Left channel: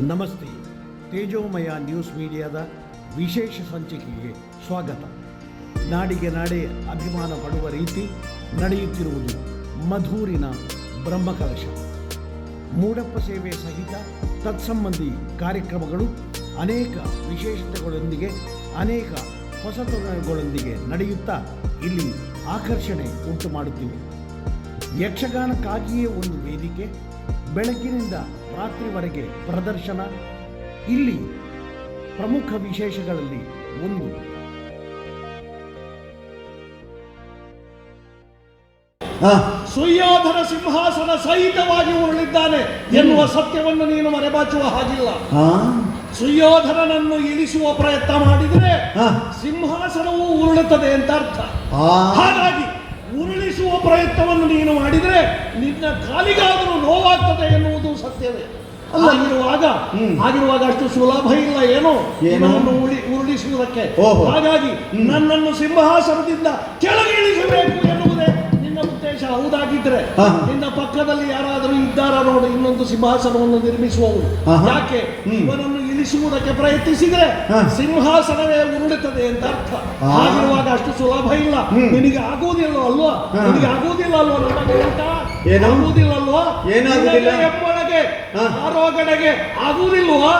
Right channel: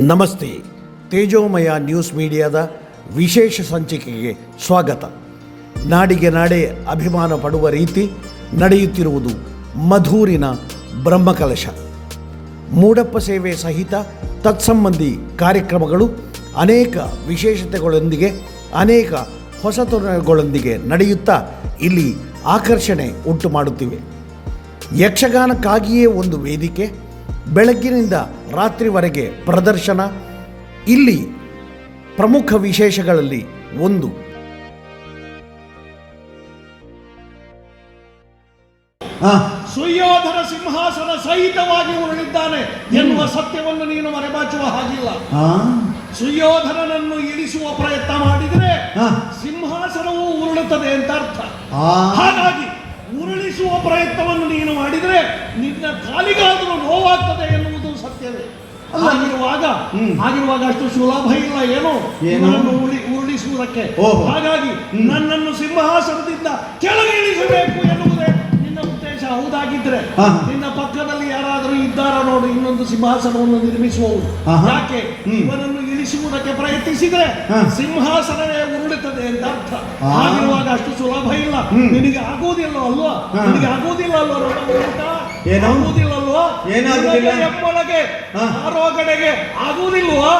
ನಮಸ್ತೆ. ತೇಜೋಮಯ ನ್ಯೂಸ್ ಮೀಡಿಯಾದ ವಿಶೇಷ ಸಂಚಿಕೆಗೆ ಸ್ವಾಗತ. ನಾಡಿಗೆ ನಾಡೆ ಅಭಿಮಾನ ಪಡುವ ರೀತಿ ನಡೆಯುತ್ತಿರುವುದು ಮಧೂರಿನ ಬ್ರಹ್ಮಕಲಶ. ಮೂಡಪ್ಪ ಸೇವೆ ಸಹಿತ ತತ್ಸಂಬಂಧಿ ಕಾರ್ಯಕ್ರಮಗಳು ಅನೇಕ ವಿಶೇಷತೆಗಳೊಂದಿಗೆ ಅನೇಕ ಹೊಸತನಗಳೊಂದಿಗೆ ನಡೆಯುತ್ತಾ ಇಲ್ಲಿ ಆಕರ್ಷಣೆ ಉಂಟು ಮಾಡುತ್ತಿವೆ. ಯಕ್ಷಗಾನಕ್ಕಾಗಿಯೇ ಒಂದು ವೇದಿಕೆ, ಬೆಳಗ್ಗಿನಿಂದ ರಾತ್ರಿವರೆಗೆ ಪ್ರದರ್ಶನ. ಇಲ್ಲಿ ಪ್ರಮುಖ ವಿಶೇಷಗಳಲ್ಲಿ ಒಂದು ಸುಯೋಧನ ಸಿಂಹಾಸನ ಸಹಿತವಾಗಿ ಉರುಳಿದ್ದಾನೆ ಎನ್ನುವ ಸತ್ಯವನ್ನು ನೀನು ಮರೆಮಾಚುವ ಹಾಗಿಲ್ಲ. ಸುಯೋಧನನನ್ನು ಇಳಿಸುವ ಪ್ರಯತ್ನ ಮಾಡಿದರೆ ಸಿಂಹಾಸನವು ಉರುಳುತ್ತದೆ ಅಂತ ಅರ್ಥ. ಹಾಗಾಗಿ ಉರುಳಿಸುವ ಪ್ರಯತ್ನವನ್ನು ನೀನು ಮಾಡಿದರೆ ನಿನ್ನ ಕಾಲಿಗಾದರೂ ನೋವಾಗ್ತದೆ ಎನ್ನುವುದು ಸತ್ಯವೇ. ಆಗಿರುವಾಗ ಅಷ್ಟು ಸುಲಭ ಇಲ್ಲ ಏನೋ ಉರುಳಿಸುವುದಕ್ಕೆ. ಹಾಗಾಗಿ ನನ್ನನ್ನು ಸಿಂಹಾಸನದಿಂದ ಕೆಳಗಿಳಿಸಬೇಕು ಎನ್ನುವುದೇ ನಿನ್ನ ಉದ್ದೇಶ. ಹೌದಾಗಿದ್ರೆ ನಿನ್ನ ಪಕ್ಕದಲ್ಲಿ ಯಾರಾದರೂ ಇದ್ದಾರ ನೋಡು ಇನ್ನೊಂದು ಸಿಂಹಾಸನವನ್ನು ನಿರ್ಮಿಸುವವರು. ಯಾಕೆ ಇವನನ್ನು ಇಳಿಸುವುದಕ್ಕೆ ಪ್ರಯತ್ನಿಸಿದ್ರೆ ಸಿಂಹಾಸನವೇ ಉರುಳುತ್ತದೆ ಅಂತ ಅರ್ಥ. ಆಗಿರುವಾಗ ಅಷ್ಟು ಸುಲಭ ಇಲ್ಲ. ನಿನಗೆ ಆಗೋದಿಲ್ಲ ಅಲ್ವಾ? ನಿನಗೆ ಆಗೋದಿಲ್ಲ ಅಲ್ವಾ? ಆಗುವುದಿಲ್ಲ ಅಲ್ವಾ? ಎಪ್ಪೊಳಗೆ ಆರೋಗಡೆಗೆ ಆಗುವುದಿಲ್ವಾ?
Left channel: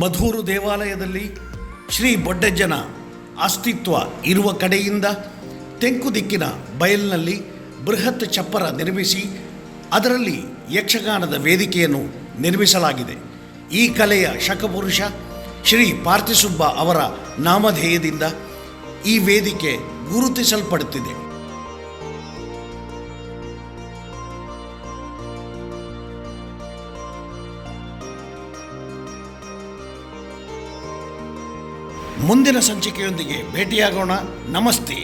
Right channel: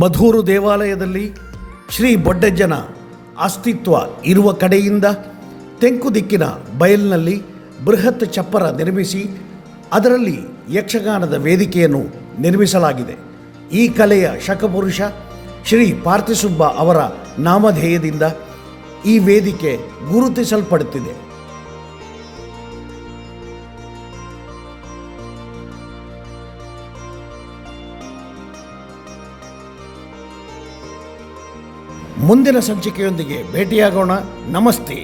ಮಧೂರು ದೇವಾಲಯದಲ್ಲಿ ಶ್ರೀ ಬೊಡ್ಡಜ್ಜನ ಅಸ್ತಿತ್ವ ಇರುವ ಕಡೆಯಿಂದ ತೆಂಕು ದಿಕ್ಕಿನ ಬಯಲಿನಲ್ಲಿ ಬೃಹತ್ ಚಪ್ಪರ ನಿರ್ಮಿಸಿ ಅದರಲ್ಲಿ ಯಕ್ಷಗಾನದ ವೇದಿಕೆಯನ್ನು ನಿರ್ಮಿಸಲಾಗಿದೆ. ಈ ಕಲೆಯ ಶಕಪುರುಷ ಶ್ರೀ ಪಾರ್ಥಿಸುಬ್ಬ ಅವರ ನಾಮಧೇಯದಿಂದ ಈ ವೇದಿಕೆ ಗುರುತಿಸಲ್ಪಡುತ್ತಿದೆ. ಮುಂದಿನ ಸಂಚಿಕೆಯೊಂದಿಗೆ ಭೇಟಿಯಾಗೋಣ. ನಮಸ್ತೆ.